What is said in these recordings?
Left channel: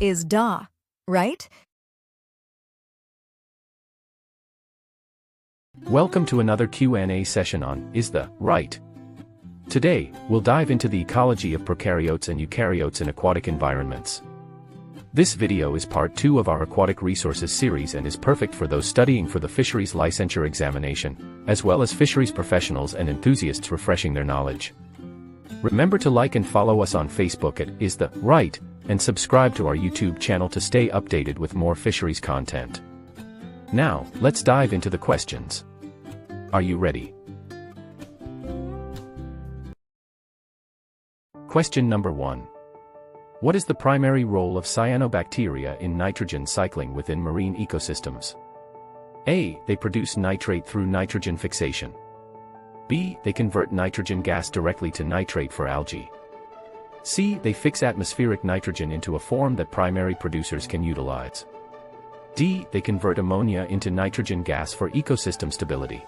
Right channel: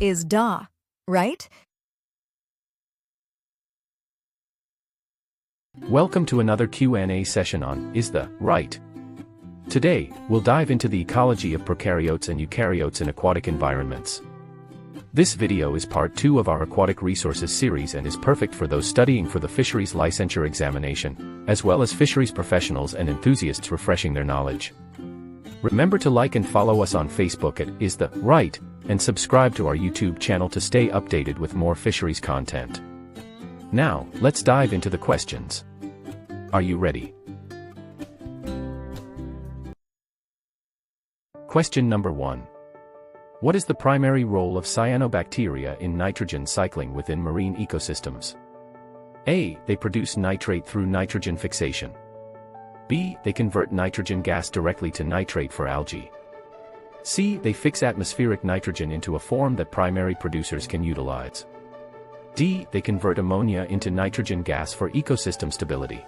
Isda, right? Welcome to another Q&A session on Isda, right? Today, we'll dive into the ecology of prokaryotes and eukaryotes in aquatic environments. This video is part 2 of our Aquatic Resources series and is perfect for those studying for the Fisheries licensure examination, as well as fisheries professionals and enthusiasts refreshing their knowledge. Remember to like and follow us on Facebook at Isda, right, and subscribe to our YouTube channel to stay updated with more fisheries content. Now, let's dive into the questions. Are you ready? Question number 1. What is the primary role of cyanobacteria in nitrogen cycling within marine ecosystems? A. They produce nitrate through nitrogen fixation. B. They convert nitrogen gas directly to nitrate for algae. C. They fix atmospheric nitrogen into a form that primary producers can utilize. D. They convert ammonia into nitrogen gas for ecosystem stability.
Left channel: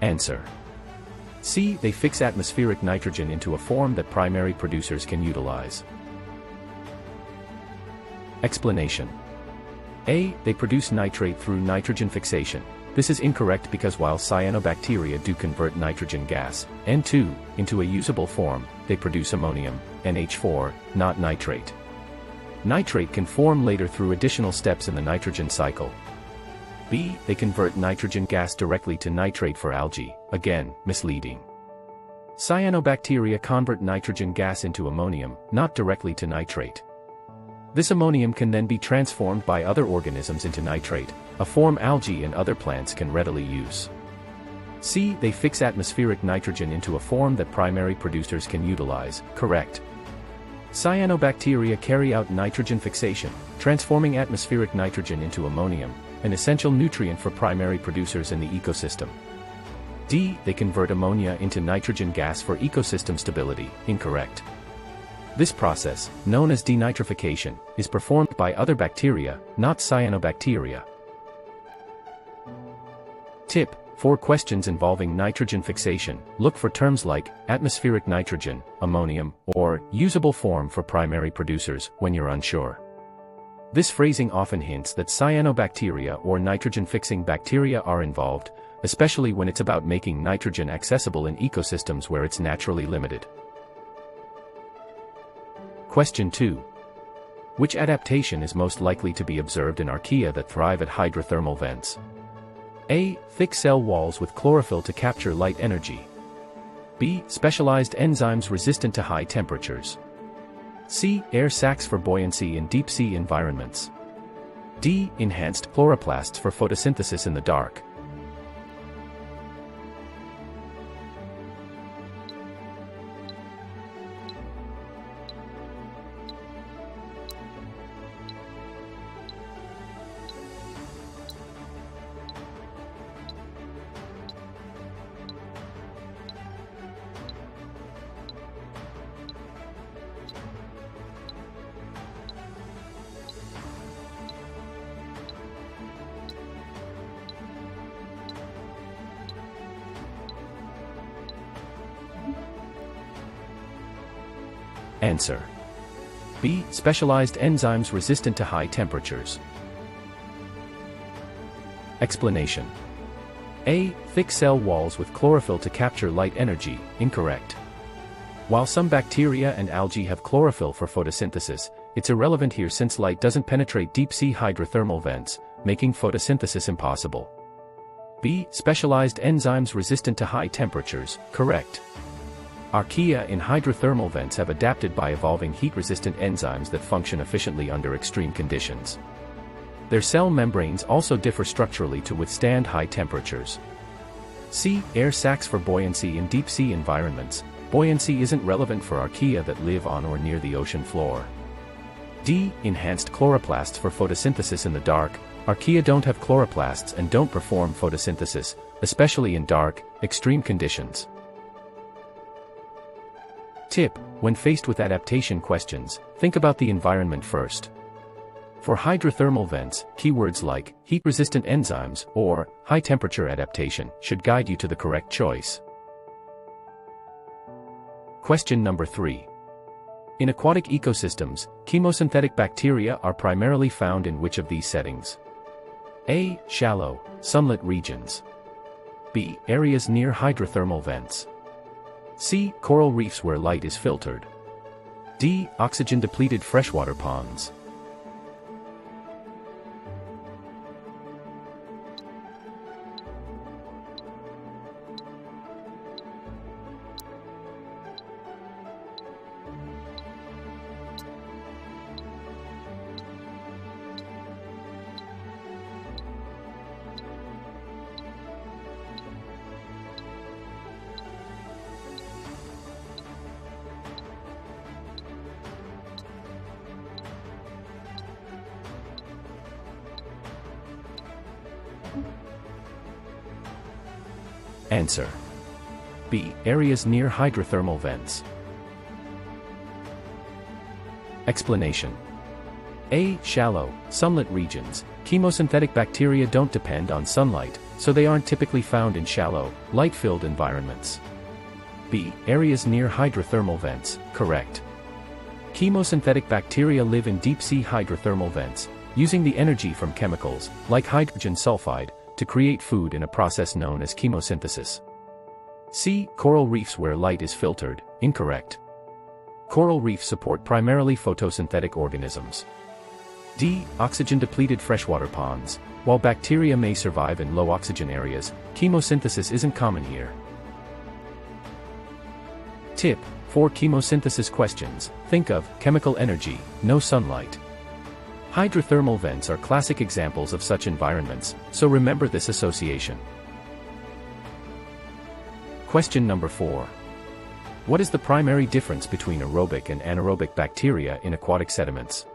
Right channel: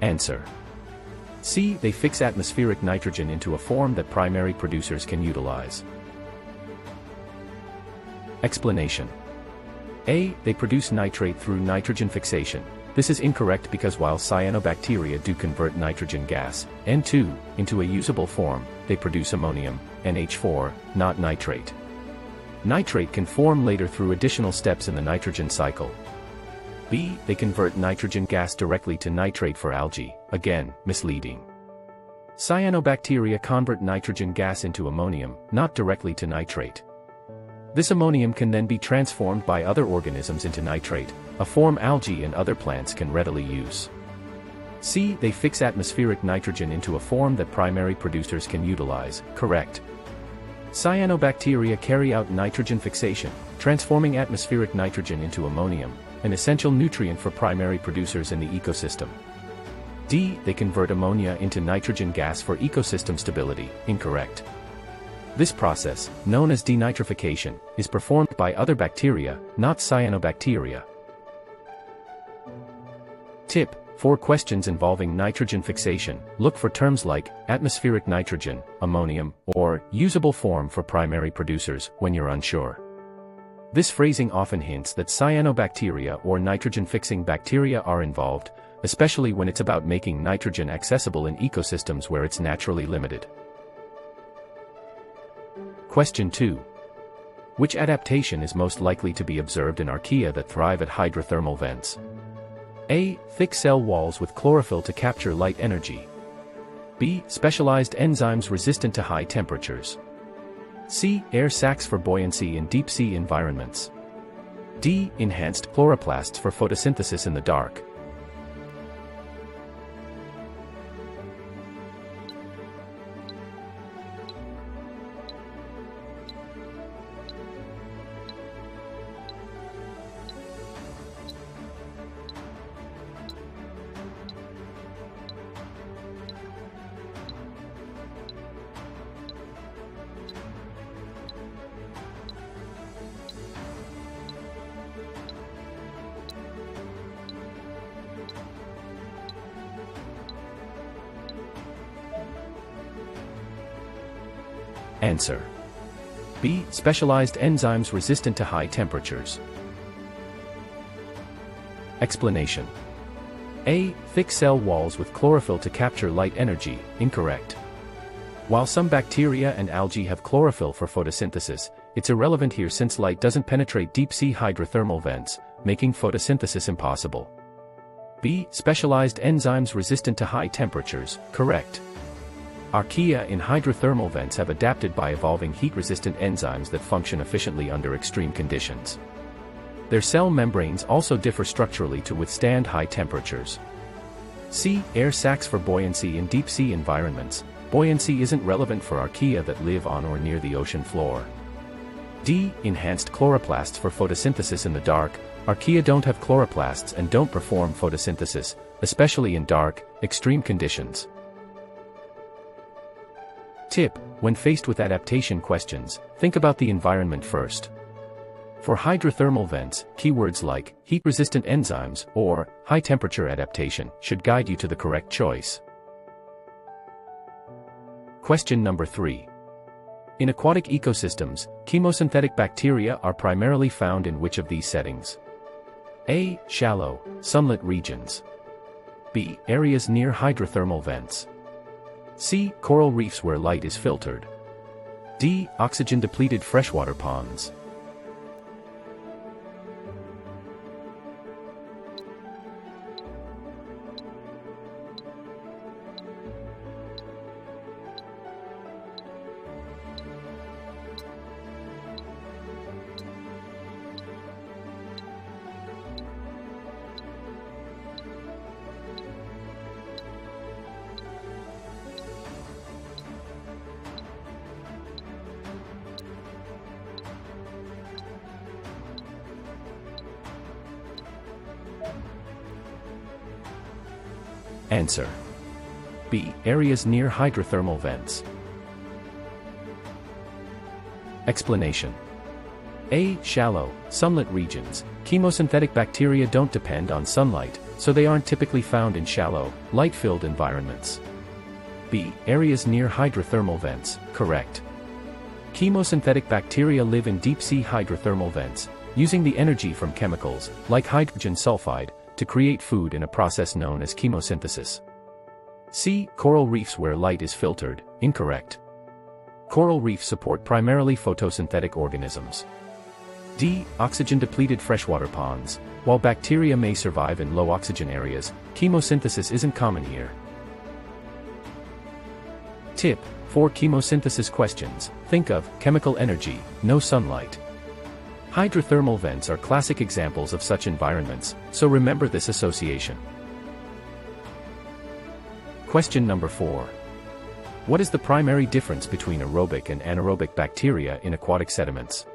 Answer. C. They fix atmospheric nitrogen into a form that primary producers can utilize. Explanation. A. They produce nitrate through nitrogen fixation. This is incorrect because while cyanobacteria do convert nitrogen gas, N2, into a usable form, they produce ammonium, NH4, not nitrate. Nitrate can form later through additional steps in the nitrogen cycle. B. They convert nitrogen gas directly to nitrate for algae, again, misleading. Cyanobacteria convert nitrogen gas into ammonium, not directly to nitrate. This ammonium can then be transformed by other organisms into nitrate, a form algae and other plants can readily use. C. They fix atmospheric nitrogen into a form that primary producers can utilize, correct. Cyanobacteria carry out nitrogen fixation, transforming atmospheric nitrogen into ammonium, an essential nutrient for primary producers in the ecosystem. D. They convert ammonia into nitrogen gas for ecosystem stability, incorrect. This process, known as denitrification, is performed by other bacteria, not cyanobacteria. Tip: for questions involving nitrogen fixation, look for terms like atmospheric nitrogen, ammonium, or usable form for primary producers when you're unsure. This phrasing often hints that cyanobacteria or nitrogen-fixing bacteria are involved, especially when it's about making nitrogen accessible in ecosystems where it's naturally limited. Question 2. Which adaptation is most likely to be observed in archaea that thrive at hydrothermal vents? A. Thick cell walls with chlorophyll to capture light energy. B. Specialized enzymes resistant to high temperatures. C. Air sacs for buoyancy in deep-sea environments. D. Enhanced chloroplasts for photosynthesis in the dark. Answer. B. Specialized enzymes resistant to high temperatures. Explanation. A. Thick cell walls with chlorophyll to capture light energy, incorrect. While some bacteria and algae have chlorophyll for photosynthesis, it's irrelevant here since light doesn't penetrate deep-sea hydrothermal vents, making photosynthesis impossible. B. Specialized enzymes resistant to high temperatures, correct. Archaea in hydrothermal vents have adapted by evolving heat-resistant enzymes that function efficiently under extreme conditions. Their cell membranes also differ structurally to withstand high temperatures. C. Air sacs for buoyancy in deep-sea environments. Buoyancy isn't relevant for archaea that live on or near the ocean floor. D. Enhanced chloroplasts for photosynthesis in the dark. Archaea don't have chloroplasts and don't perform photosynthesis, especially in dark, extreme conditions. Tip: when faced with adaptation questions, think about the environment first. For hydrothermal vents, keywords like heat-resistant enzymes or high-temperature adaptation should guide you to the correct choice. Question number 3. In aquatic ecosystems, chemosynthetic bacteria are primarily found in which of these settings? A. Shallow, sunlit regions. B. Areas near hydrothermal vents. C. Coral reefs where light is filtered. D. Oxygen-depleted freshwater ponds. Answer: B. Areas near hydrothermal vents. Explanation: A. Shallow, sunlit regions. Chemosynthetic bacteria don't depend on sunlight, so they aren't typically found in shallow, light-filled environments. B. Areas near hydrothermal vents. Correct. Chemosynthetic bacteria live in deep-sea hydrothermal vents, using the energy from chemicals, like hydrogen sulfide, to create food in a process known as chemosynthesis. C. Coral reefs where light is filtered. Incorrect. Coral reefs support primarily photosynthetic organisms. D. Oxygen-depleted freshwater ponds. While bacteria may survive in low oxygen areas, chemosynthesis isn't common here. Tip: for chemosynthesis questions, think of chemical energy, no sunlight. Hydrothermal vents are classic examples of such environments, so remember this association. Question number 4. What is the primary difference between aerobic and anaerobic bacteria in aquatic sediments?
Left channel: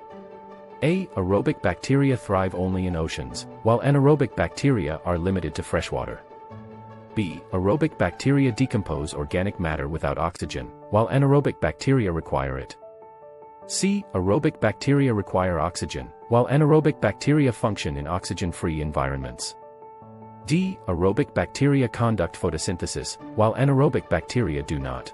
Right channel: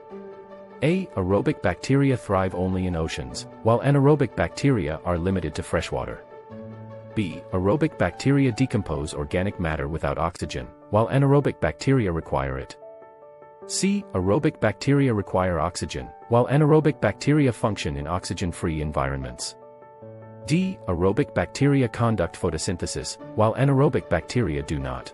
A. Aerobic bacteria thrive only in oceans, while anaerobic bacteria are limited to freshwater. B. Aerobic bacteria decompose organic matter without oxygen, while anaerobic bacteria require it. C. Aerobic bacteria require oxygen, while anaerobic bacteria function in oxygen-free environments. D. Aerobic bacteria conduct photosynthesis, while anaerobic bacteria do not.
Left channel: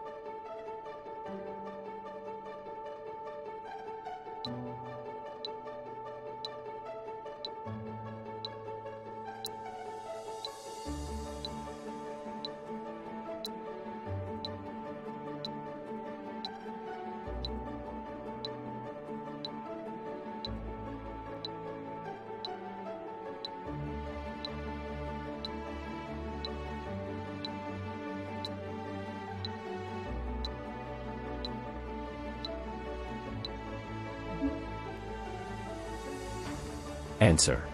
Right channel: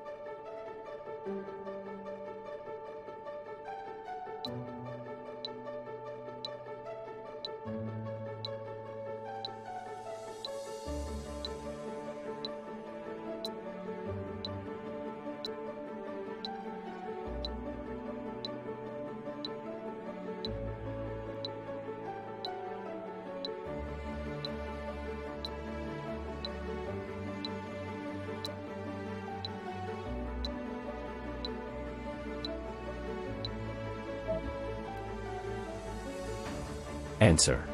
Answer:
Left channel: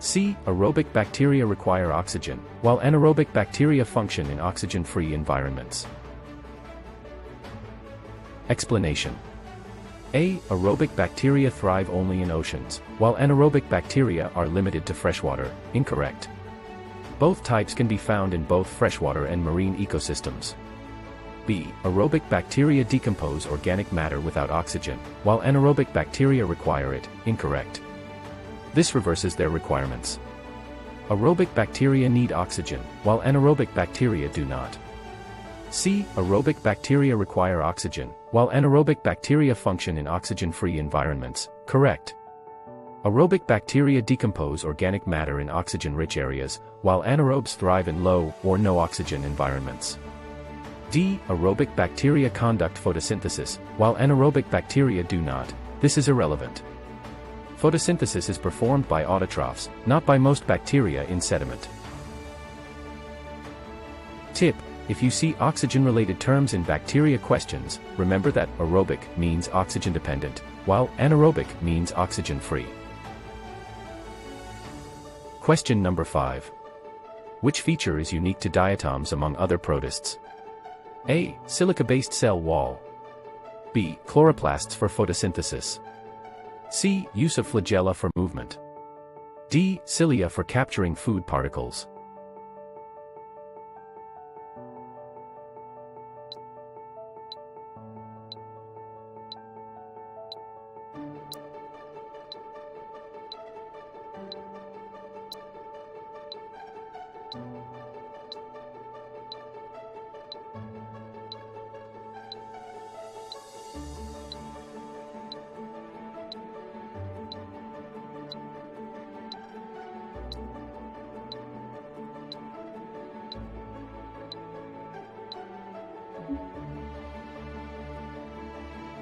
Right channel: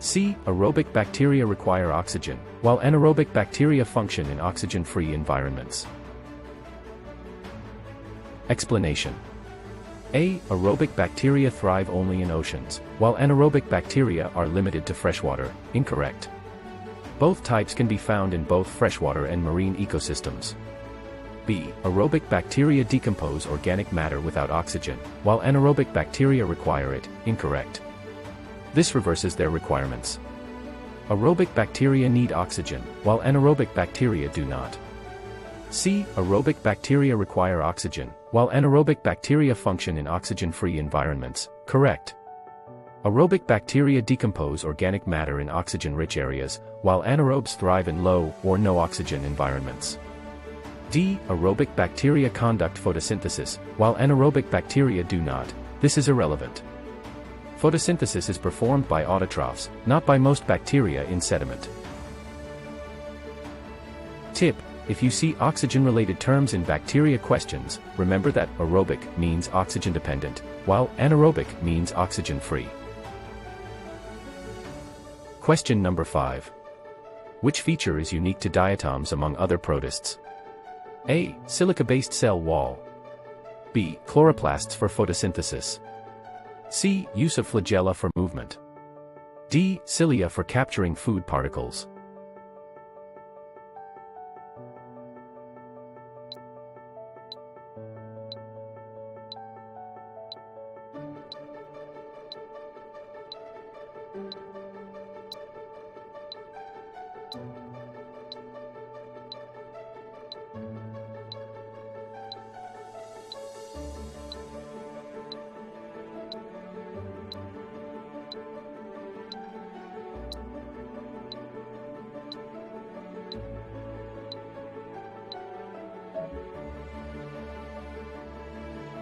C. Aerobic bacteria require oxygen, while anaerobic bacteria function in oxygen-free environments. Explanation: A. Aerobic bacteria thrive only in oceans, while anaerobic bacteria are limited to freshwater. Incorrect. Both types can be found in both freshwater and marine ecosystems. B. Aerobic bacteria decompose organic matter without oxygen, while anaerobic bacteria require it. Incorrect. This reverses their requirements. Aerobic bacteria need oxygen, while anaerobic bacteria do not. C. Aerobic bacteria require oxygen, while anaerobic bacteria function in oxygen-free environments. Correct. Aerobic bacteria decompose organic matter in oxygen-rich areas, while anaerobes thrive in low or no oxygen environments. D. Aerobic bacteria conduct photosynthesis, while anaerobic bacteria do not. This is irrelevant. Photosynthesis is performed by autotrophs, not by most bacteria in sediment. Tip: if you see oxygen-related terms in bacteria questions, remember that aerobic means oxygen-dependent, while anaerobic means oxygen-free. Question number 5. Which feature is unique to diatoms among other protists? A. Silica-based cell wall. B. Chloroplasts for photosynthesis. C. Use of flagella for movement. D. Cilia for capturing food particles.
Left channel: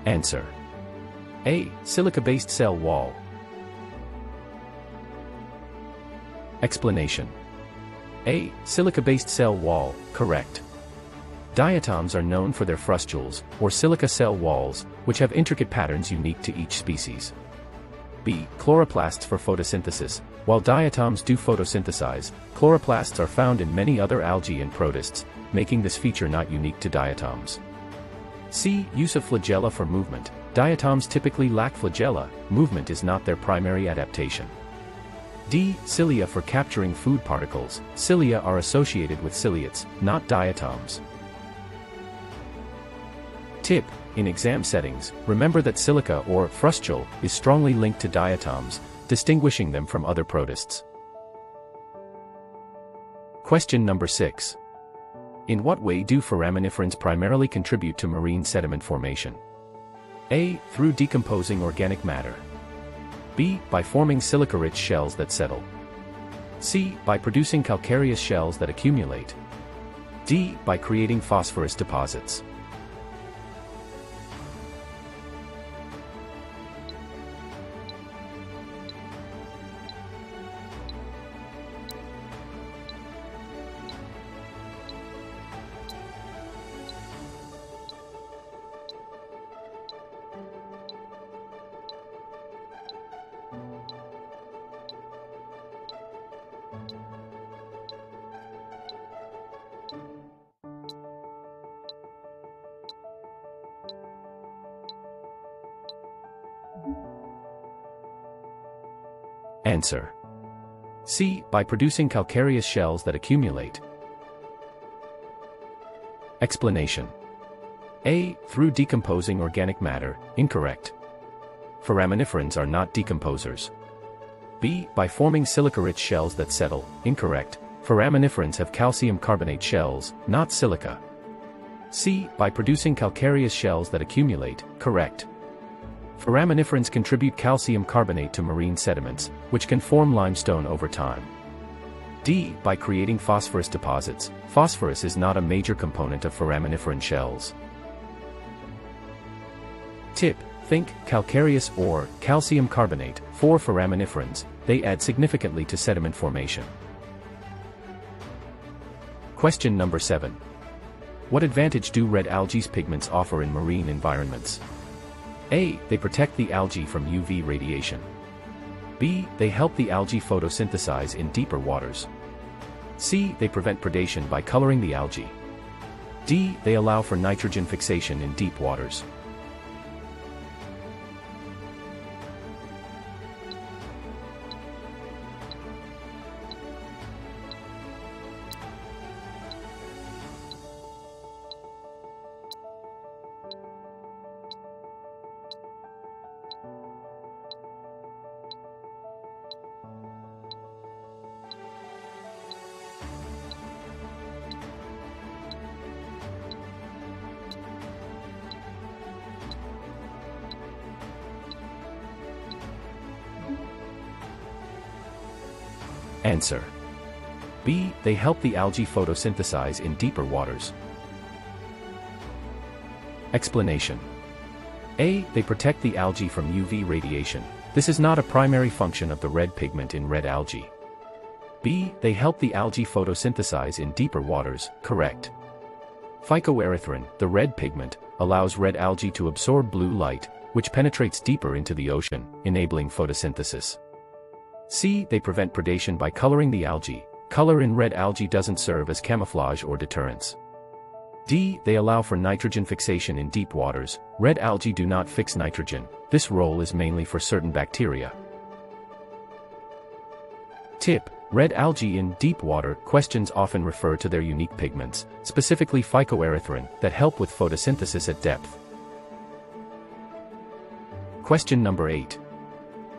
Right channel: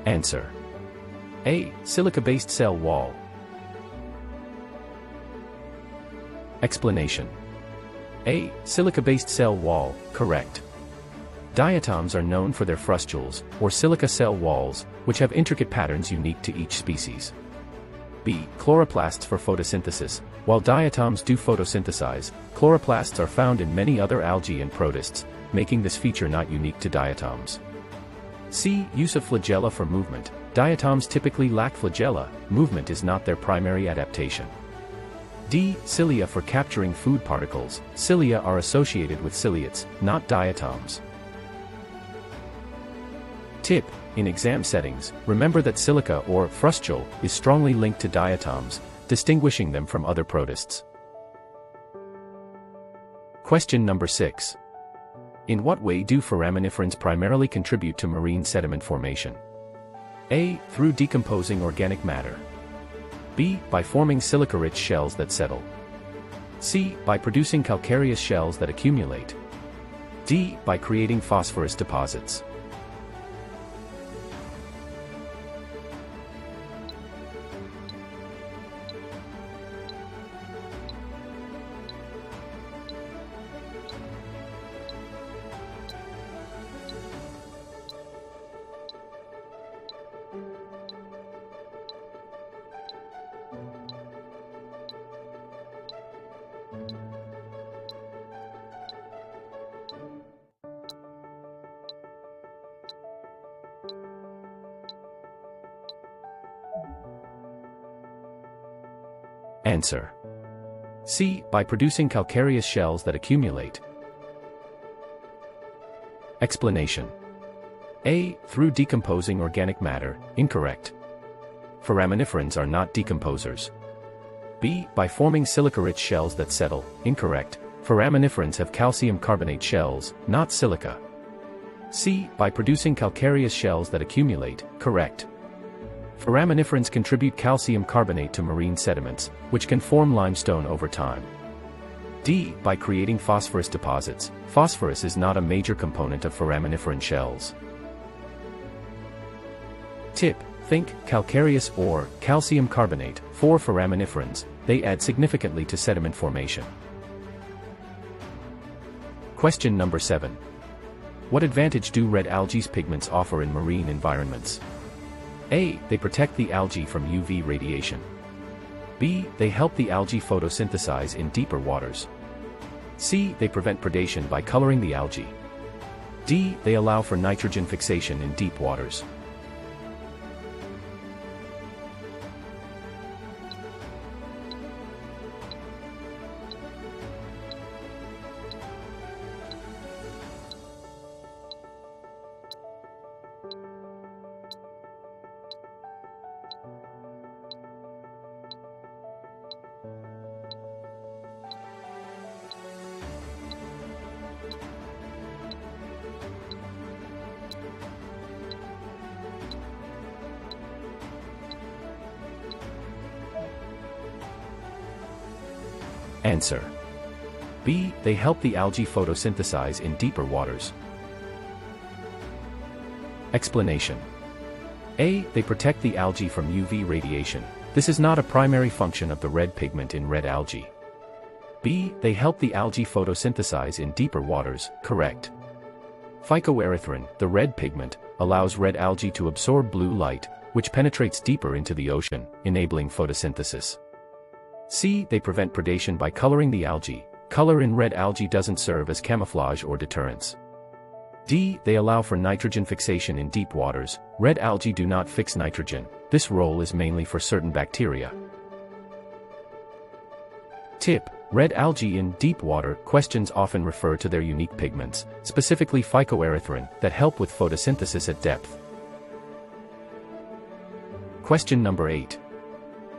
Answer: A. Silica-based cell wall. Explanation: A. Silica-based cell wall, correct. Diatoms are known for their frustules, or silica cell walls, which have intricate patterns unique to each species. B. Chloroplasts for photosynthesis. While diatoms do photosynthesize, chloroplasts are found in many other algae and protists, making this feature not unique to diatoms. C. Use of flagella for movement. Diatoms typically lack flagella, movement is not their primary adaptation. D. Cilia for capturing food particles. Cilia are associated with ciliates, not diatoms. Tip: in exam settings, remember that silica or frustule is strongly linked to diatoms, distinguishing them from other protists. Question number 6. In what way do foraminiferans primarily contribute to marine sediment formation? A. Through decomposing organic matter. B. By forming silica-rich shells that settle. C. By producing calcareous shells that accumulate. D. By creating phosphorus deposits. Answer: C. By producing calcareous shells that accumulate. Explanation: A. Through decomposing organic matter, incorrect. Foraminiferans are not decomposers. B. By forming silica-rich shells that settle, incorrect. Foraminiferans have calcium carbonate shells, not silica. C. By producing calcareous shells that accumulate, correct. Foraminiferans contribute calcium carbonate to marine sediments, which can form limestone over time. D. By creating phosphorus deposits. Phosphorus is not a major component of foraminiferan shells. Tip: think calcareous or calcium carbonate. For foraminiferans, they add significantly to sediment formation. Question number 7. What advantage do red algae's pigments offer in marine environments? A. They protect the algae from UV radiation. B. They help the algae photosynthesize in deeper waters. C. They prevent predation by coloring the algae. D. They allow for nitrogen fixation in deep waters. Answer: B. They help the algae photosynthesize in deeper waters. Explanation: A. They protect the algae from UV radiation. This is not a primary function of the red pigment in red algae. B. They help the algae photosynthesize in deeper waters, correct. Phycoerythrin, the red pigment, allows red algae to absorb blue light, which penetrates deeper into the ocean, enabling photosynthesis. C. They prevent predation by coloring the algae. Color in red algae doesn't serve as camouflage or deterrence. D. They allow for nitrogen fixation in deep waters. Red algae do not fix nitrogen. This role is mainly for certain bacteria. Tip: red algae in deep water questions often refer to their unique pigments, specifically phycoerythrin, that help with photosynthesis at depth. Question number 8.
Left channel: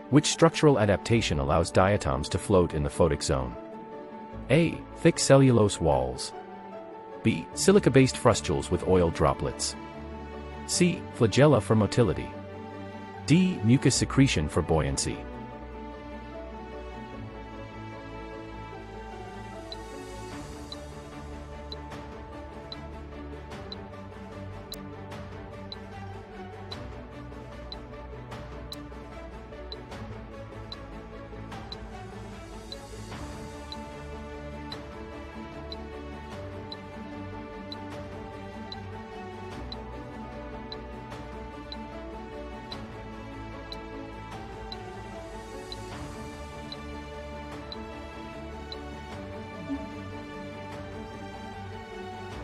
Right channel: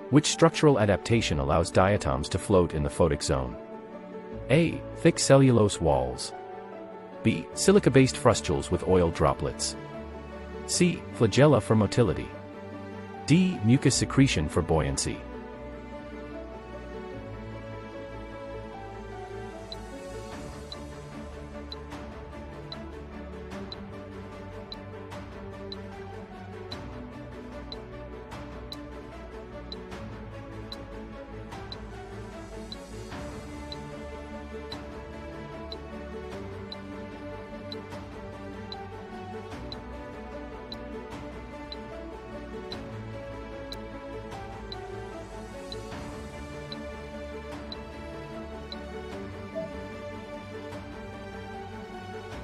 Which structural adaptation allows diatoms to float in the photic zone? A. Thick cellulose walls. B. Silica-based frustules with oil droplets. C. Flagella for motility. D. Mucus secretion for buoyancy.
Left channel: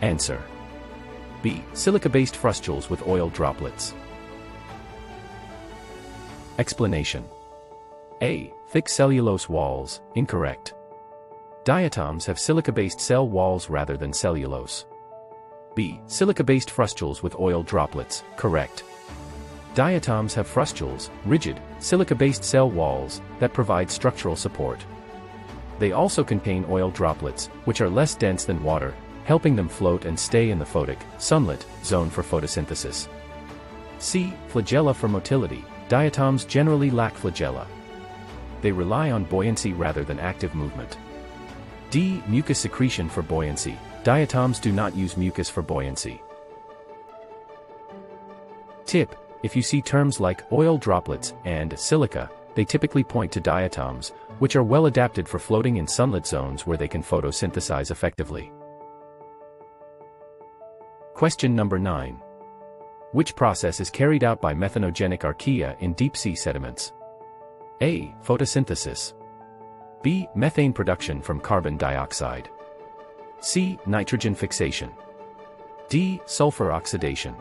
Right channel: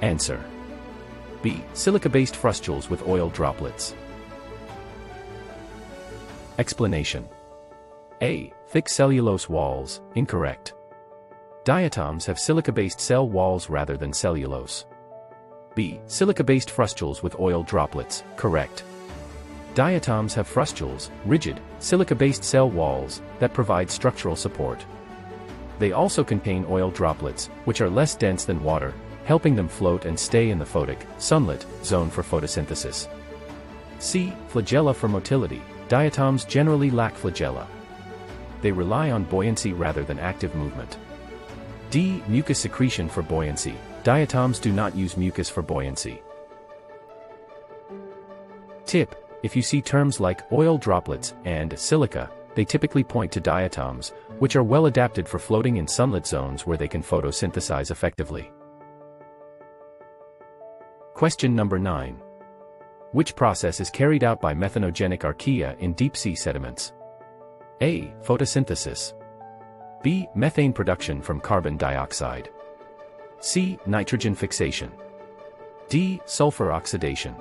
Answer: B. Silica-based frustules with oil droplets. Explanation: A. Thick cellulose walls, incorrect. Diatoms have silica-based cell walls rather than cellulose. B. Silica-based frustules with oil droplets, correct. Diatoms have frustules, rigid, silica-based cell walls, that provide structural support. They also contain oil droplets, which are less dense than water, helping them float and stay in the photic, sunlit, zone for photosynthesis. C. Flagella for motility. Diatoms generally lack flagella. They rely on buoyancy rather than active movement. D. Mucus secretion for buoyancy. Diatoms do not use mucus for buoyancy. Tip: if you see terms like oil droplets and silica, they typically point to diatoms, which are well adapted for floating in sunlit zones where they can photosynthesize effectively. Question number 9. Which process is carried out by methanogenic archaea in deep-sea sediments? A. Photosynthesis. B. Methane production from carbon dioxide. C. Nitrogen fixation. D. Sulfur oxidation.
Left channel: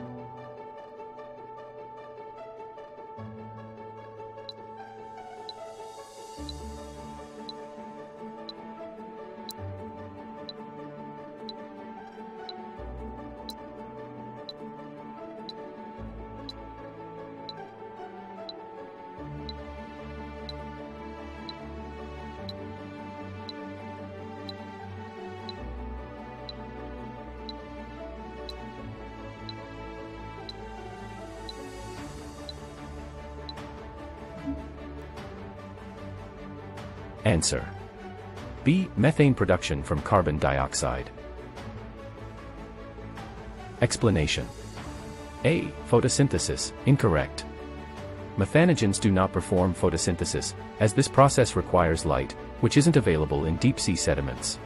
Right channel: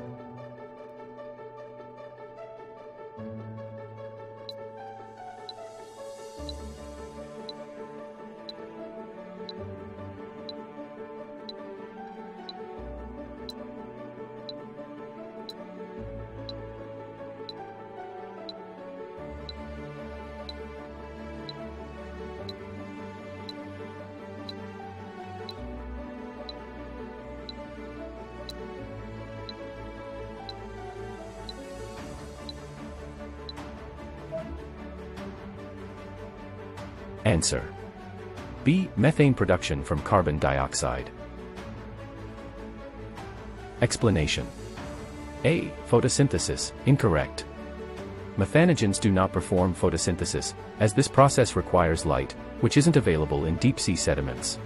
Answer: B. Methane production from carbon dioxide. Explanation: A. Photosynthesis, incorrect. Methanogens do not perform photosynthesis, as this process requires light, which isn't available in deep-sea sediments.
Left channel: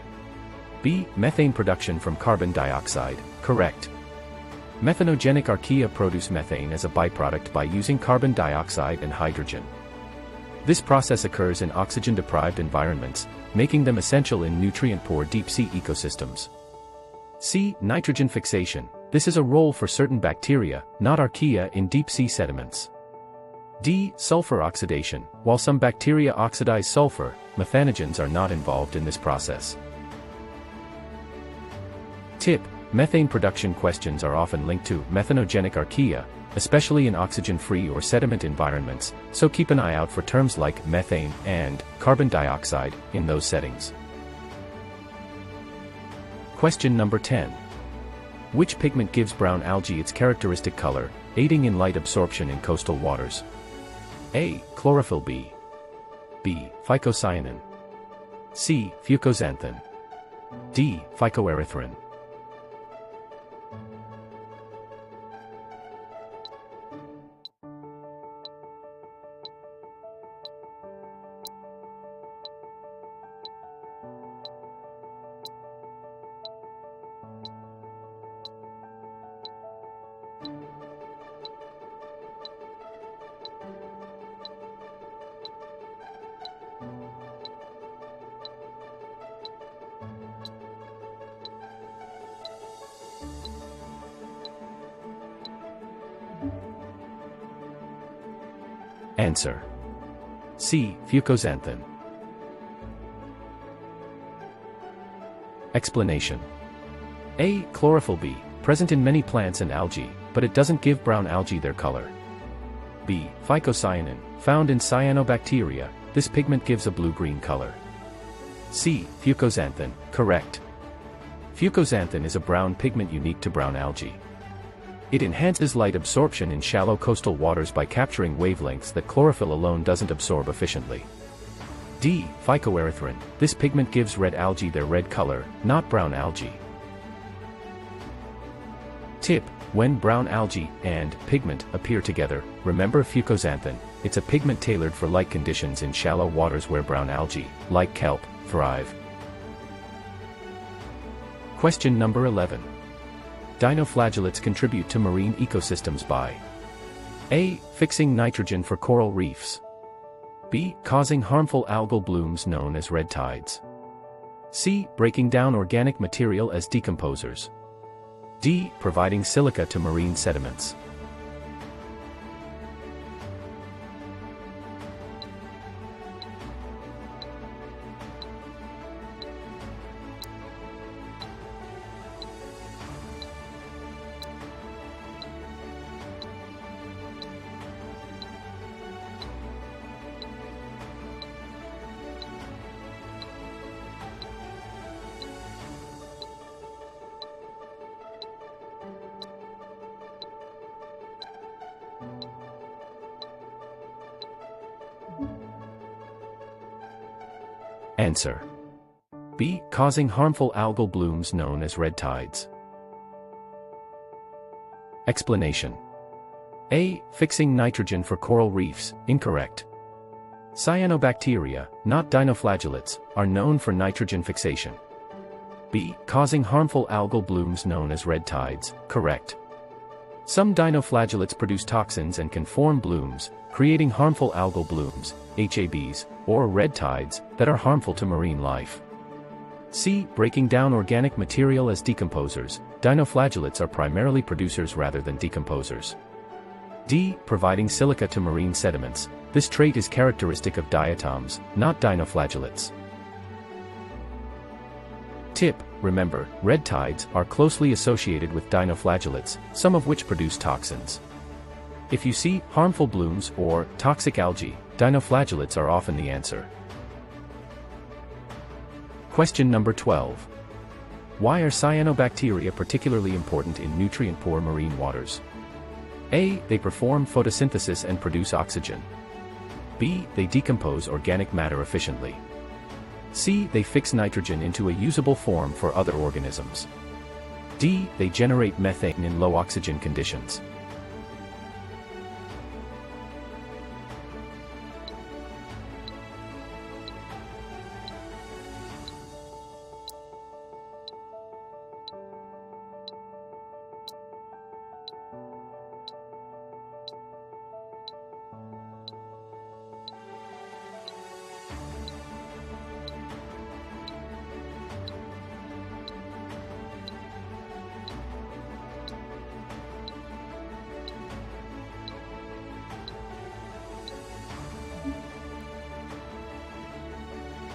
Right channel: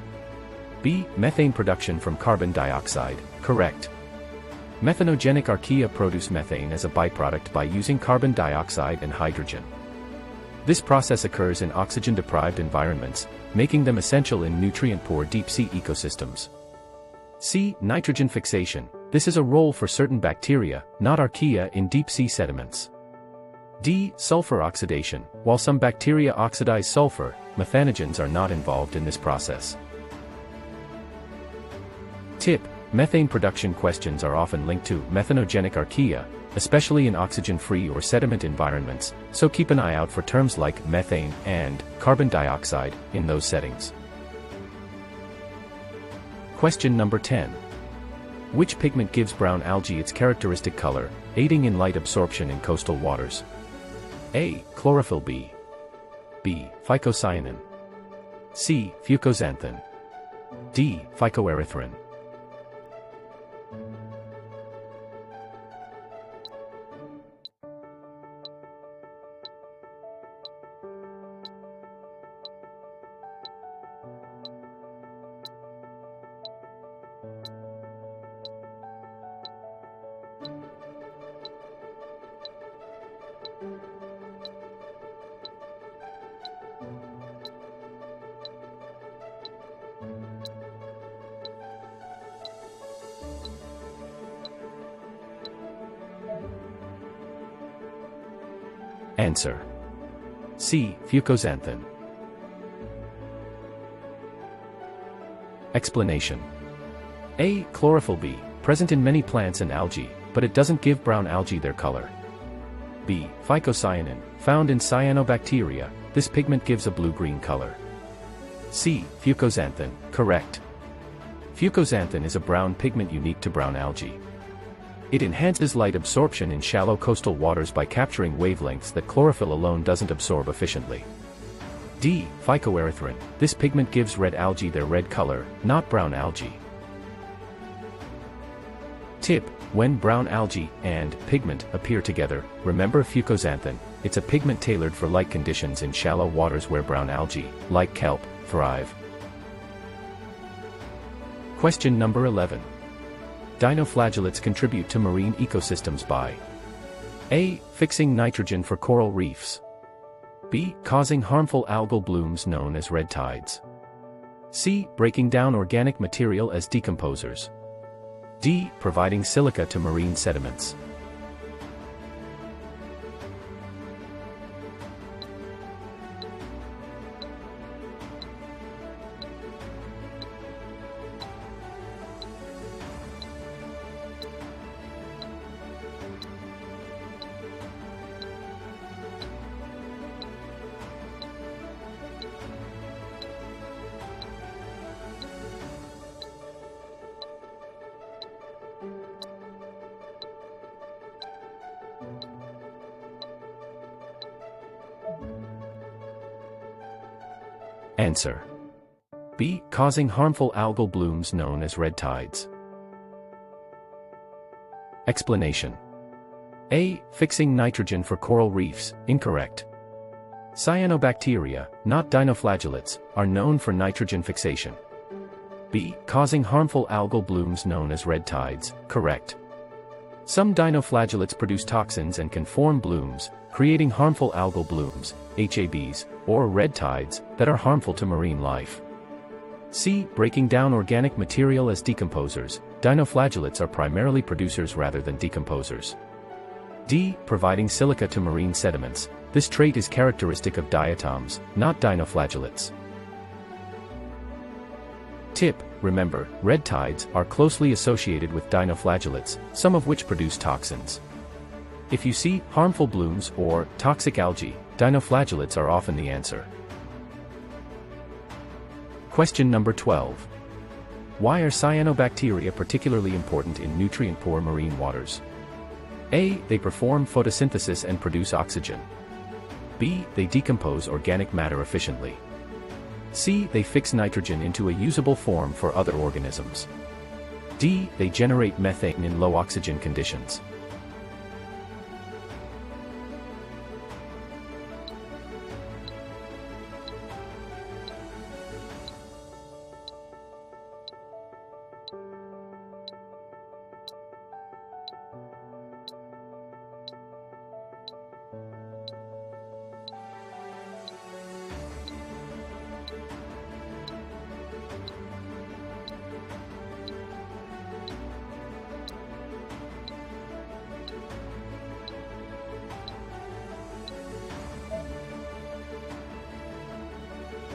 B. Methane production from carbon dioxide, correct. Methanogenic archaea produce methane as a byproduct by using carbon dioxide and hydrogen. This process occurs in oxygen-deprived environments, making them essential in nutrient-poor deep-sea ecosystems. C. Nitrogen fixation. This is a role for certain bacteria, not archaea, in deep-sea sediments. D. Sulfur oxidation. While some bacteria oxidize sulfur, methanogens are not involved in this process. Tip: methane production questions are often linked to methanogenic archaea, especially in oxygen-free or sediment environments, so keep an eye out for terms like methane and carbon dioxide in those settings. Question number 10. Which pigment gives brown algae its characteristic color, aiding in light absorption in coastal waters? A. Chlorophyll. B. Phycocyanin. C. Fucoxanthin. D. Phycoerythrin. Answer: C. Fucoxanthin. Explanation: A. Chlorophyll. B. Present in many plants and algae, but it doesn't give brown algae their color. B. Phycocyanin, found in cyanobacteria, this pigment gives a blue-green color. C. Fucoxanthin, correct. Fucoxanthin is a brown pigment unique to brown algae. It enhances light absorption in shallow coastal waters by capturing wavelengths that chlorophyll alone doesn't absorb efficiently. D. Phycoerythrin, this pigment gives red algae their red color, not brown algae. Tip: when brown algae and pigment appear together, remember fucoxanthin. It's a pigment tailored for light conditions in shallow waters where brown algae, like kelp, thrive. Question number 11. Dinoflagellates contribute to marine ecosystems by A. Fixing nitrogen for coral reefs. B. Causing harmful algal blooms known as red tides. C. Breaking down organic material as decomposers. D. Providing silica to marine sediments. Answer: B. Causing harmful algal blooms known as red tides. Explanation: A. Fixing nitrogen for coral reefs, incorrect. Cyanobacteria, not dinoflagellates, are known for nitrogen fixation. B. Causing harmful algal blooms known as red tides, correct. Some dinoflagellates produce toxins and can form blooms, creating harmful algal blooms, HABs, or red tides, that are harmful to marine life. C. Breaking down organic material as decomposers, dinoflagellates are primarily producers rather than decomposers. D. Providing silica to marine sediments, this trait is characteristic of diatoms, not dinoflagellates. Tip: remember, red tides are closely associated with dinoflagellates, some of which produce toxins. If you see harmful blooms or toxic algae, dinoflagellates are often the answer. Question number 12. Why are cyanobacteria particularly important in nutrient-poor marine waters? A. They perform photosynthesis and produce oxygen. B. They decompose organic matter efficiently. C. They fix nitrogen into a usable form for other organisms. D. They generate methane in low oxygen conditions.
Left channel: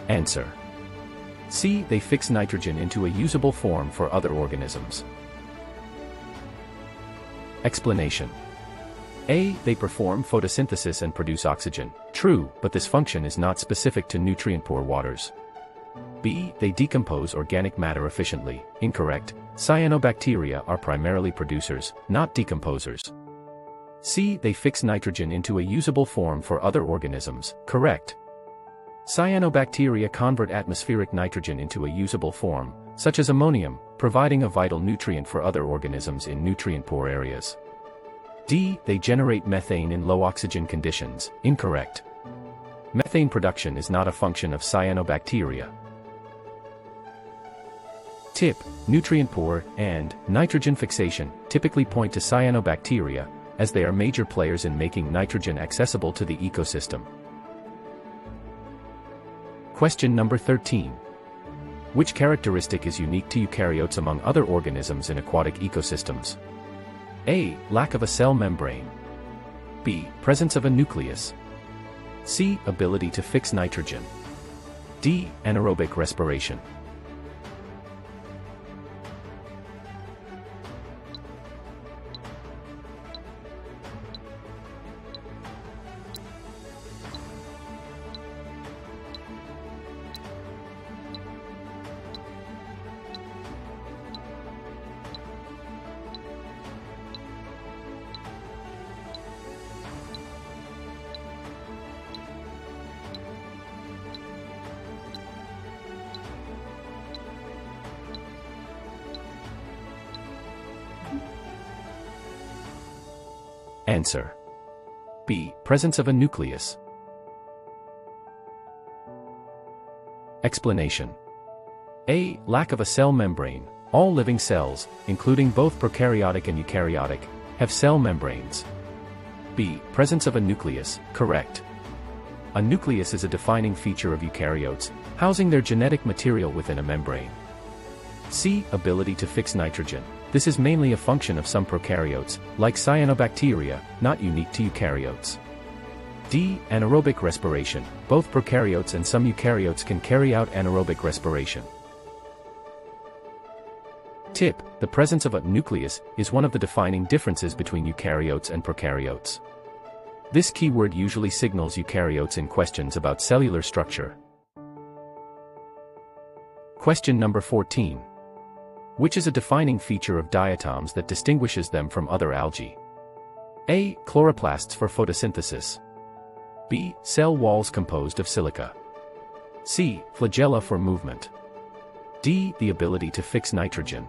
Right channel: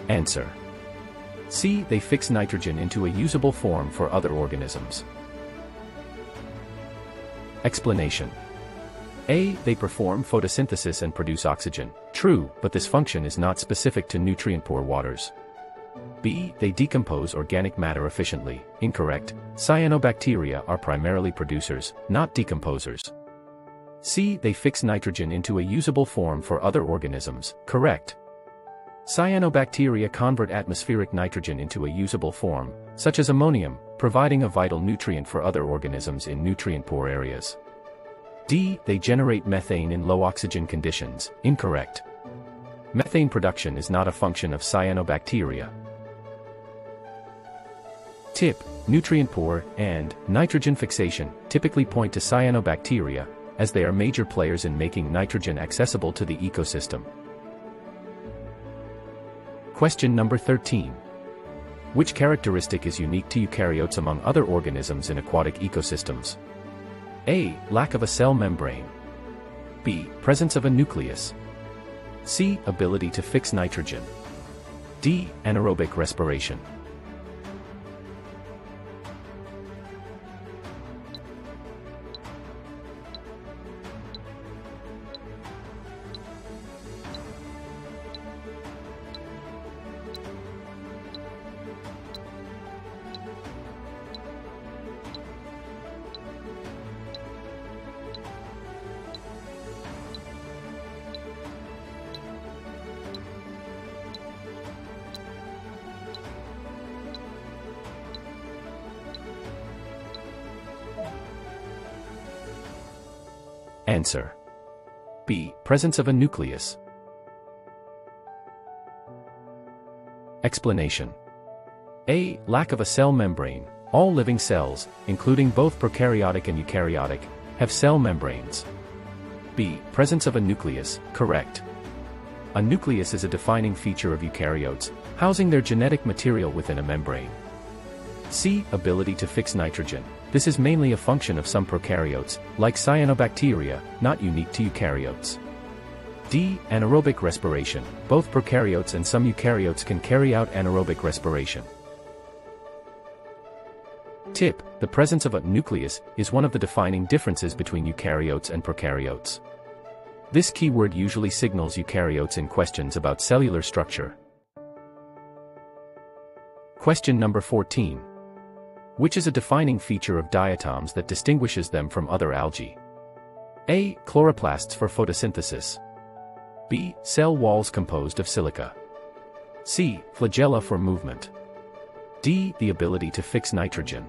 Answer: C. They fix nitrogen into a usable form for other organisms. Explanation: A. They perform photosynthesis and produce oxygen. True, but this function is not specific to nutrient-poor waters. B. They decompose organic matter efficiently. Incorrect. Cyanobacteria are primarily producers, not decomposers. C. They fix nitrogen into a usable form for other organisms. Correct. Cyanobacteria convert atmospheric nitrogen into a usable form, such as ammonium, providing a vital nutrient for other organisms in nutrient-poor areas. D. They generate methane in low oxygen conditions. Incorrect. Methane production is not a function of cyanobacteria. Tip: nutrient-poor and nitrogen fixation typically point to cyanobacteria, as they are major players in making nitrogen accessible to the ecosystem. Question number 13. Which characteristic is unique to eukaryotes among other organisms in aquatic ecosystems? A. Lack of a cell membrane. B. Presence of a nucleus. C. Ability to fix nitrogen. D. Anaerobic respiration. Answer. B. Presence of a nucleus. Explanation. A. Lack of a cell membrane. All living cells, including both prokaryotic and eukaryotic, have cell membranes. B. Presence of a nucleus. Correct. A nucleus is a defining feature of eukaryotes, housing their genetic material within a membrane. C. Ability to fix nitrogen. This is mainly a function of some prokaryotes, like cyanobacteria, not unique to eukaryotes. D. Anaerobic respiration. Both prokaryotes and some eukaryotes can carry out anaerobic respiration. Tip: the presence of a nucleus is one of the defining differences between eukaryotes and prokaryotes. This keyword usually signals eukaryotes in questions about cellular structure. Question number 14. Which is a defining feature of diatoms that distinguishes them from other algae? A. Chloroplasts for photosynthesis. B. Cell walls composed of silica. C. Flagella for movement. D. The ability to fix nitrogen.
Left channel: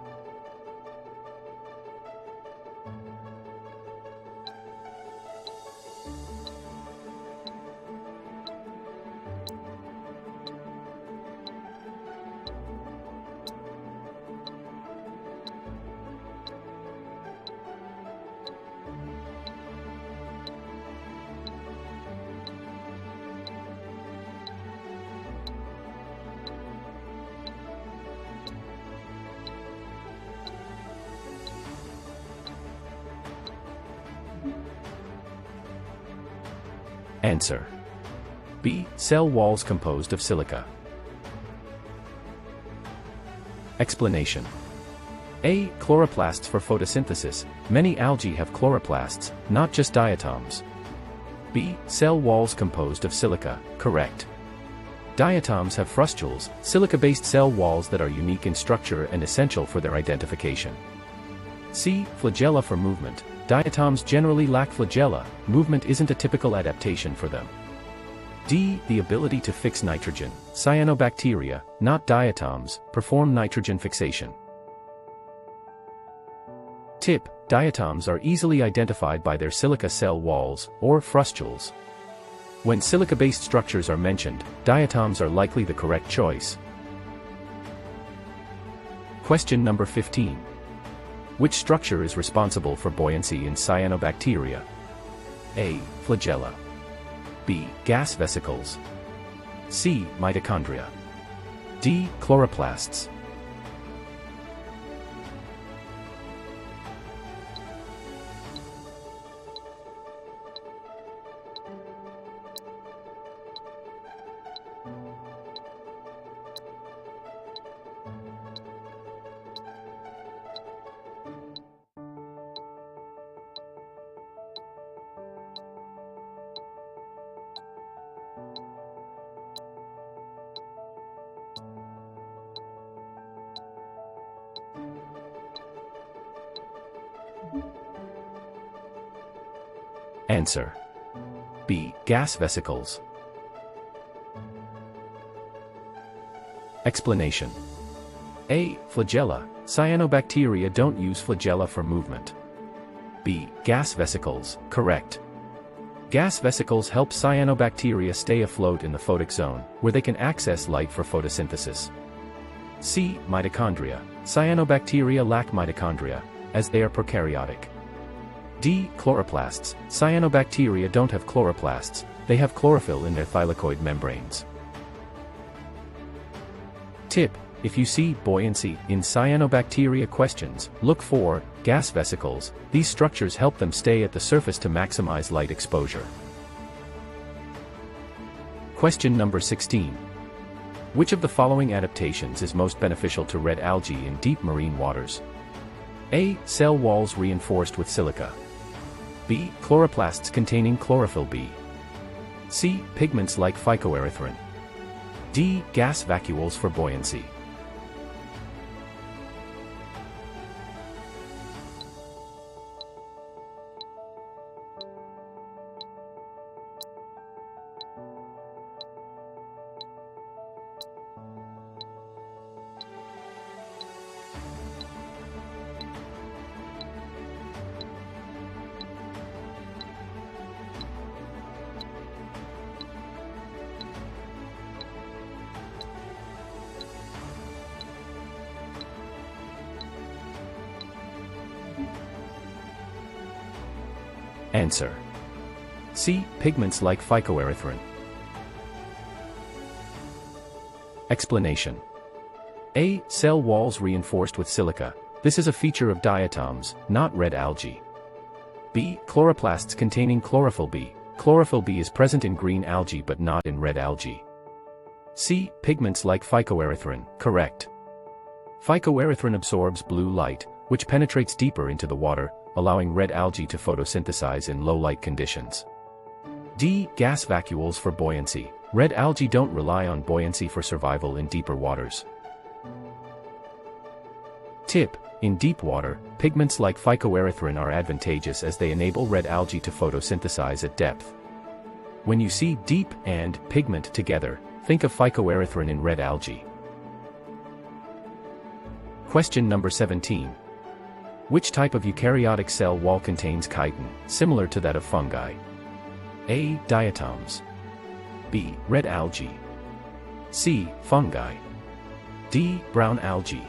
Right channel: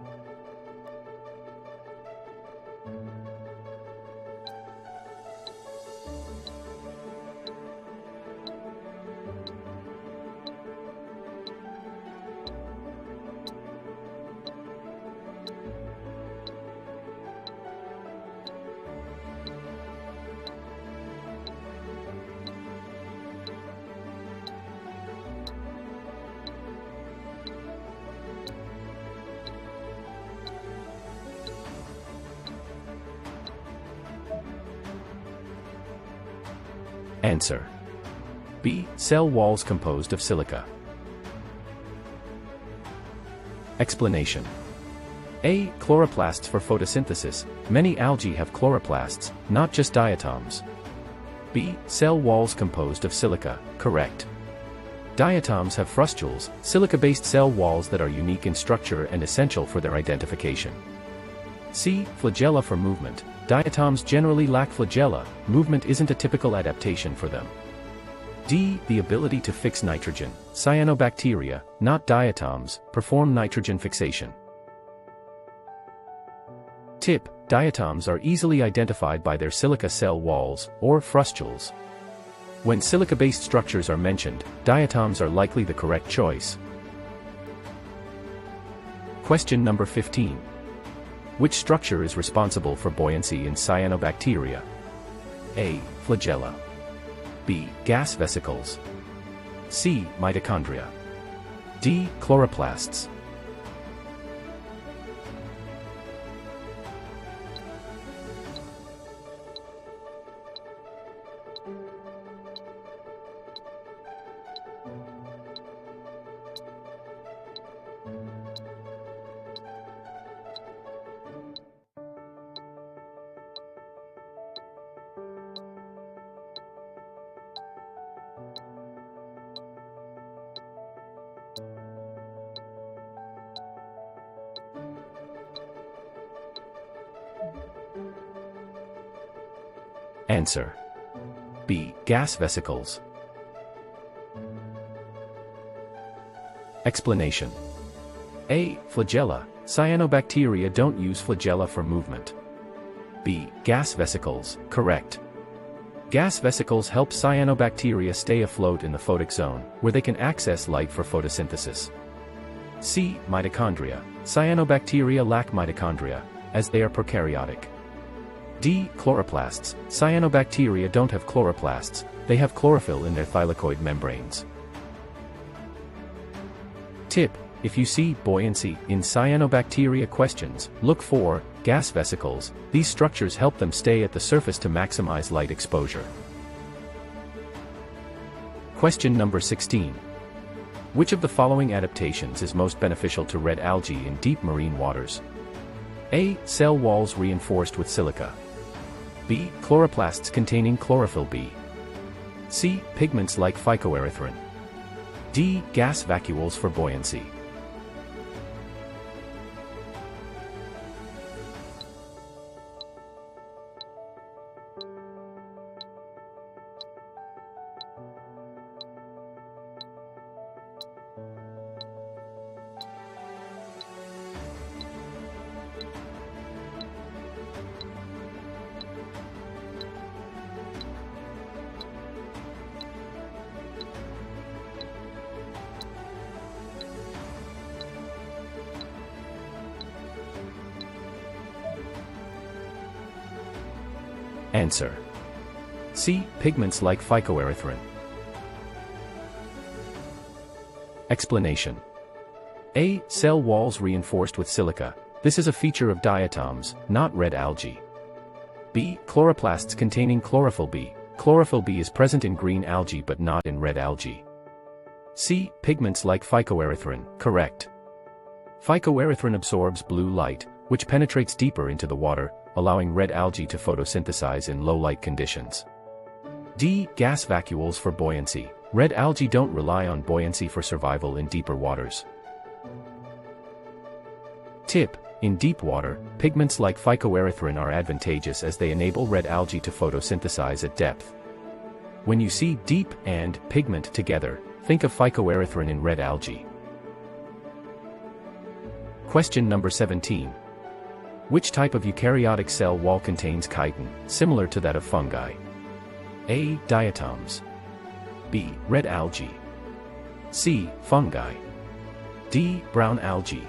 Answer. B. Cell walls composed of silica. Explanation. A. Chloroplasts for photosynthesis. Many algae have chloroplasts, not just diatoms. B. Cell walls composed of silica. Correct. Diatoms have frustules, silica-based cell walls that are unique in structure and essential for their identification. C. Flagella for movement. Diatoms generally lack flagella, movement isn't a typical adaptation for them. D. The ability to fix nitrogen. Cyanobacteria, not diatoms, perform nitrogen fixation. Tip: diatoms are easily identified by their silica cell walls, or frustules. When silica-based structures are mentioned, diatoms are likely the correct choice. Question number 15. Which structure is responsible for buoyancy in cyanobacteria? A. Flagella. B. Gas vesicles. C. Mitochondria. D. Chloroplasts. Answer. B. Gas vesicles. Explanation. A. Flagella. Cyanobacteria don't use flagella for movement. B. Gas vesicles. Correct. Gas vesicles help cyanobacteria stay afloat in the photic zone, where they can access light for photosynthesis. C. Mitochondria. Cyanobacteria lack mitochondria, as they are prokaryotic. D. Chloroplasts. Cyanobacteria don't have chloroplasts, they have chlorophyll in their thylakoid membranes. Tip: if you see buoyancy in cyanobacteria questions, look for gas vesicles. These structures help them stay at the surface to maximize light exposure. Question number 16. Which of the following adaptations is most beneficial to red algae in deep marine waters? A. Cell walls reinforced with silica. B. Chloroplasts containing chlorophyll B. C. Pigments like phycoerythrin. D. Gas vacuoles for buoyancy. Answer. C. Pigments like phycoerythrin. Explanation. A. Cell walls reinforced with silica. This is a feature of diatoms, not red algae. B. Chloroplasts containing chlorophyll B. Chlorophyll B is present in green algae but not in red algae. C. Pigments like phycoerythrin. Correct. Phycoerythrin absorbs blue light, which penetrates deeper into the water, allowing red algae to photosynthesize in low-light conditions. D. Gas vacuoles for buoyancy. Red algae don't rely on buoyancy for survival in deeper waters. Tip: in deep water, pigments like phycoerythrin are advantageous as they enable red algae to photosynthesize at depth. When you see deep and pigment together, think of phycoerythrin in red algae. Question number 17. Which type of eukaryotic cell wall contains chitin, similar to that of fungi? A. Diatoms. B. Red algae. C. Fungi. D. Brown algae.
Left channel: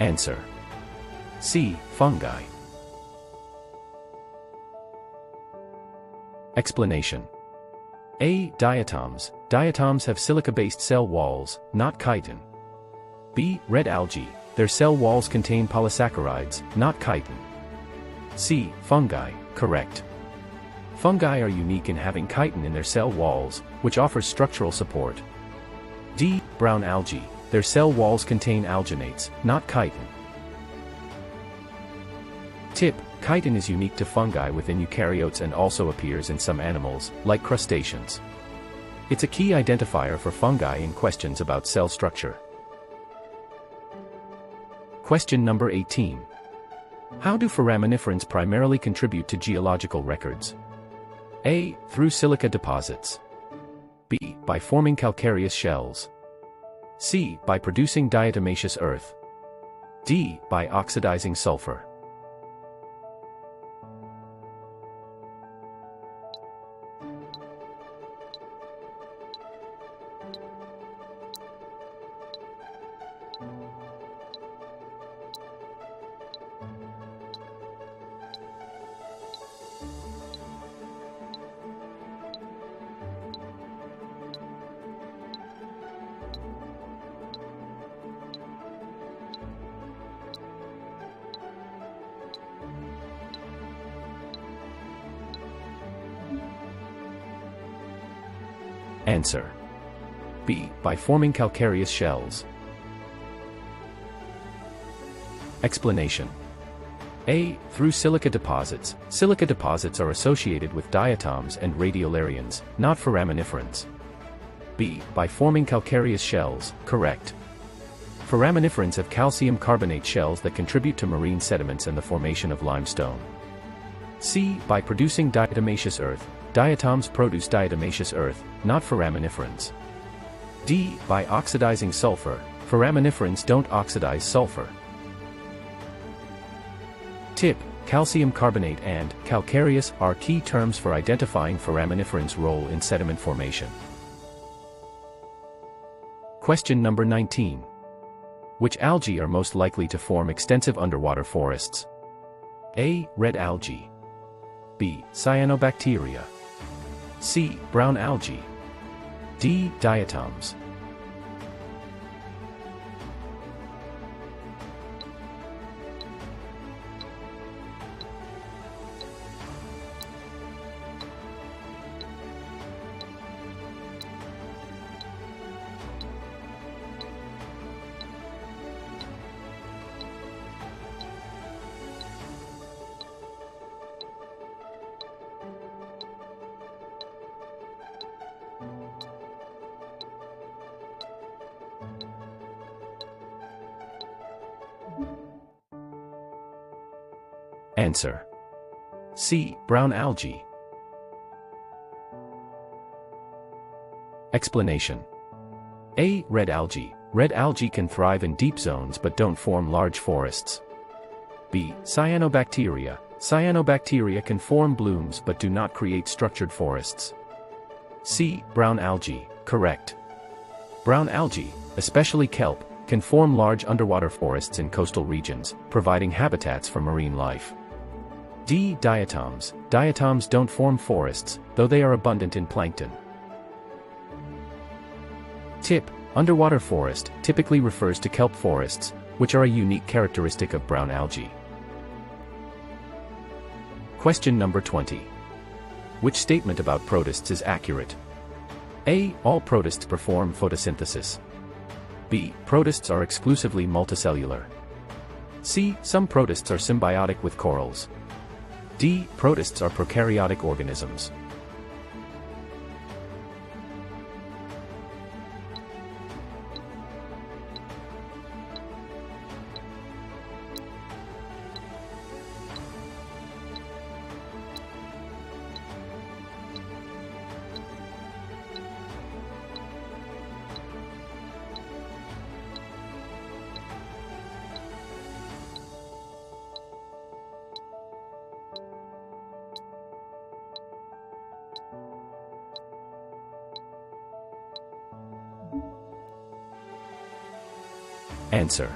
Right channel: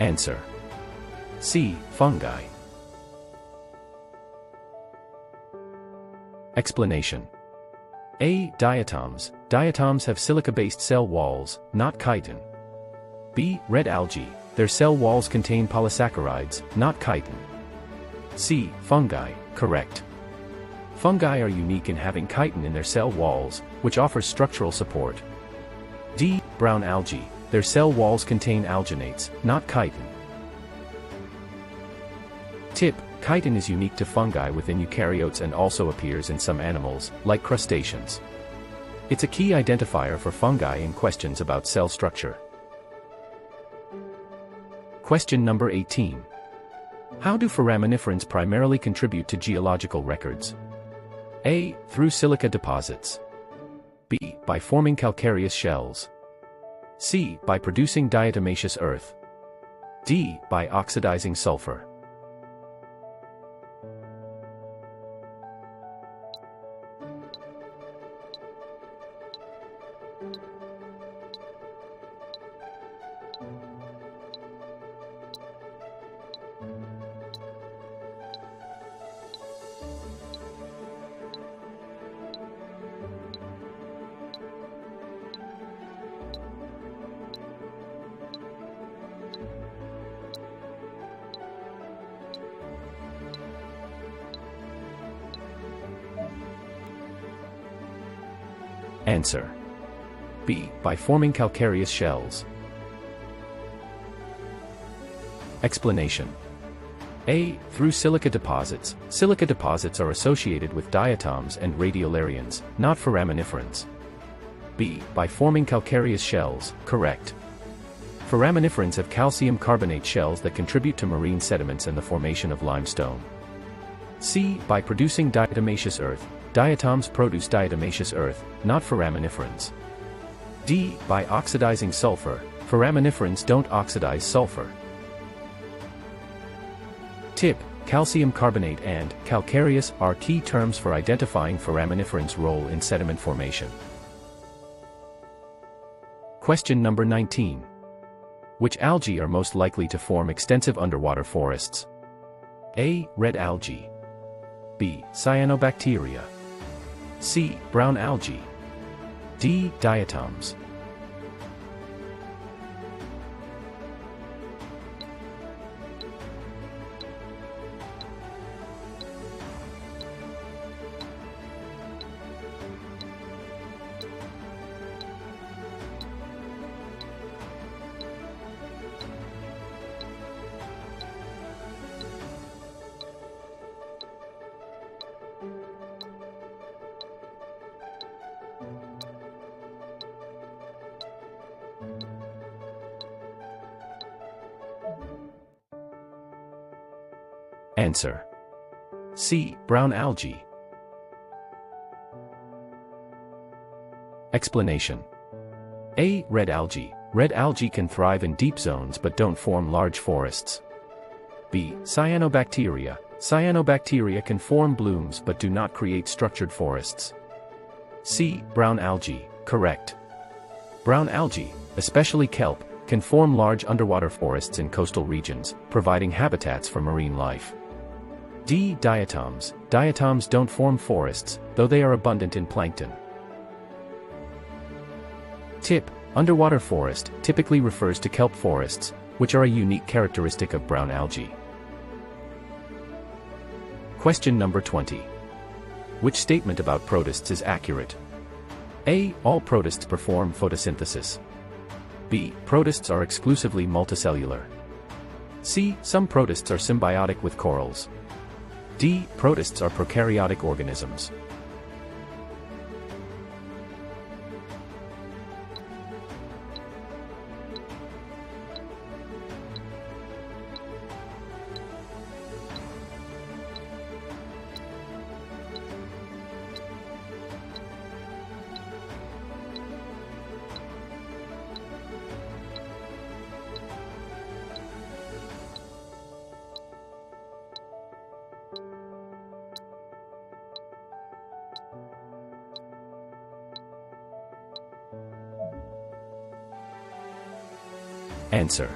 Answer. C. Fungi. Explanation. A. Diatoms. Diatoms have silica-based cell walls, not chitin. B. Red algae. Their cell walls contain polysaccharides, not chitin. C. Fungi. Correct. Fungi are unique in having chitin in their cell walls, which offers structural support. D. Brown algae. Their cell walls contain alginates, not chitin. Tip: chitin is unique to fungi within eukaryotes and also appears in some animals, like crustaceans. It's a key identifier for fungi in questions about cell structure. Question number 18. How do foraminiferans primarily contribute to geological records? A. Through silica deposits. B. By forming calcareous shells. C. By producing diatomaceous earth. D. By oxidizing sulfur. Answer. B. By forming calcareous shells. Explanation. A. Through silica deposits. Silica deposits are associated with diatoms and radiolarians, not foraminiferans. B. By forming calcareous shells. Correct. Foraminiferans have calcium carbonate shells that contribute to marine sediments and the formation of limestone. C. By producing diatomaceous earth. Diatoms produce diatomaceous earth, not foraminiferans. D. By oxidizing sulfur. Foraminiferans don't oxidize sulfur. Tip: calcium carbonate and calcareous are key terms for identifying foraminiferans' role in sediment formation. Question number 19. Which algae are most likely to form extensive underwater forests? A. Red algae. B. Cyanobacteria. C. Brown algae. D. Diatoms. Answer: C. Brown algae. Explanation: A. Red algae. Red algae can thrive in deep zones but don't form large forests. B. Cyanobacteria. Cyanobacteria can form blooms but do not create structured forests. C. Brown algae. Correct. Brown algae, especially kelp, can form large underwater forests in coastal regions, providing habitats for marine life. D. Diatoms. Diatoms don't form forests, though they are abundant in plankton. Tip: underwater forest typically refers to kelp forests, which are a unique characteristic of brown algae. Question number 20. Which statement about protists is accurate? A. All protists perform photosynthesis. B. Protists are exclusively multicellular. C. Some protists are symbiotic with corals. D. Protists are prokaryotic organisms. Answer:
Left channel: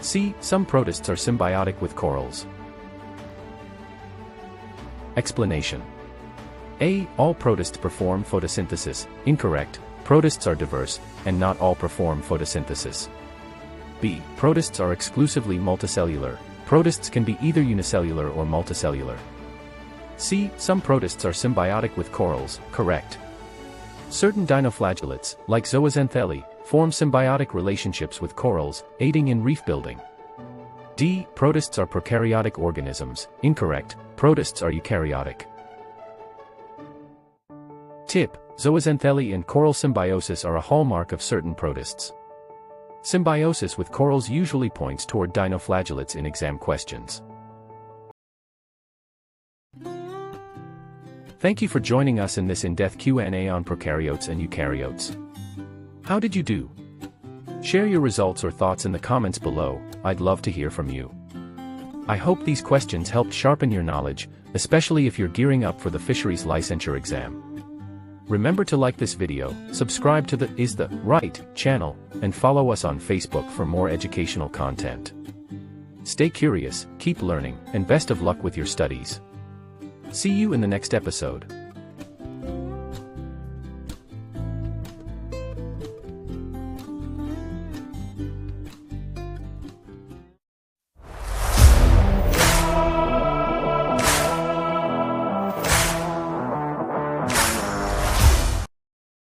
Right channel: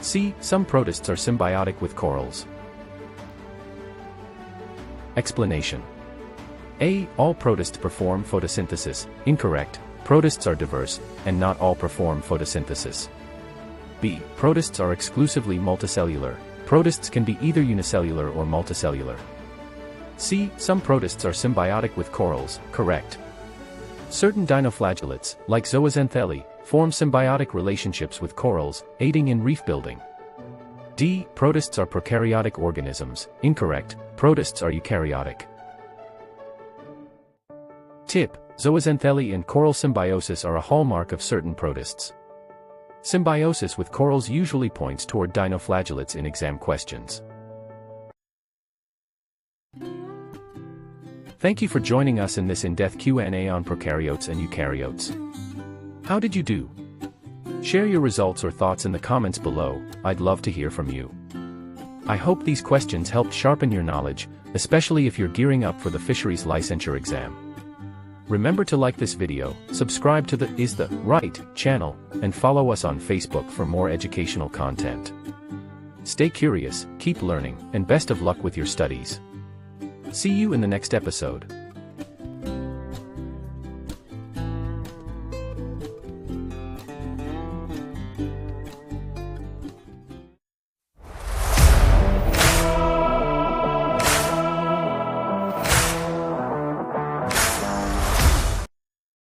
C. Some protists are symbiotic with corals. Explanation: A. All protists perform photosynthesis. Incorrect. Protists are diverse, and not all perform photosynthesis. B. Protists are exclusively multicellular. Protists can be either unicellular or multicellular. C. Some protists are symbiotic with corals. Correct. Certain dinoflagellates, like zooxanthellae, form symbiotic relationships with corals, aiding in reef building. D. Protists are prokaryotic organisms. Incorrect. Protists are eukaryotic. Tip: zooxanthellae and coral symbiosis are a hallmark of certain protists. Symbiosis with corals usually points toward dinoflagellates in exam questions. Thank you for joining us in this in-depth Q&A on prokaryotes and eukaryotes. How did you do? Share your results or thoughts in the comments below. I'd love to hear from you. I hope these questions helped sharpen your knowledge, especially if you're gearing up for the Fisheries Licensure exam. Remember to like this video, subscribe to the Isda Right channel, and follow us on Facebook for more educational content. Stay curious, keep learning, and best of luck with your studies. See you in the next episode.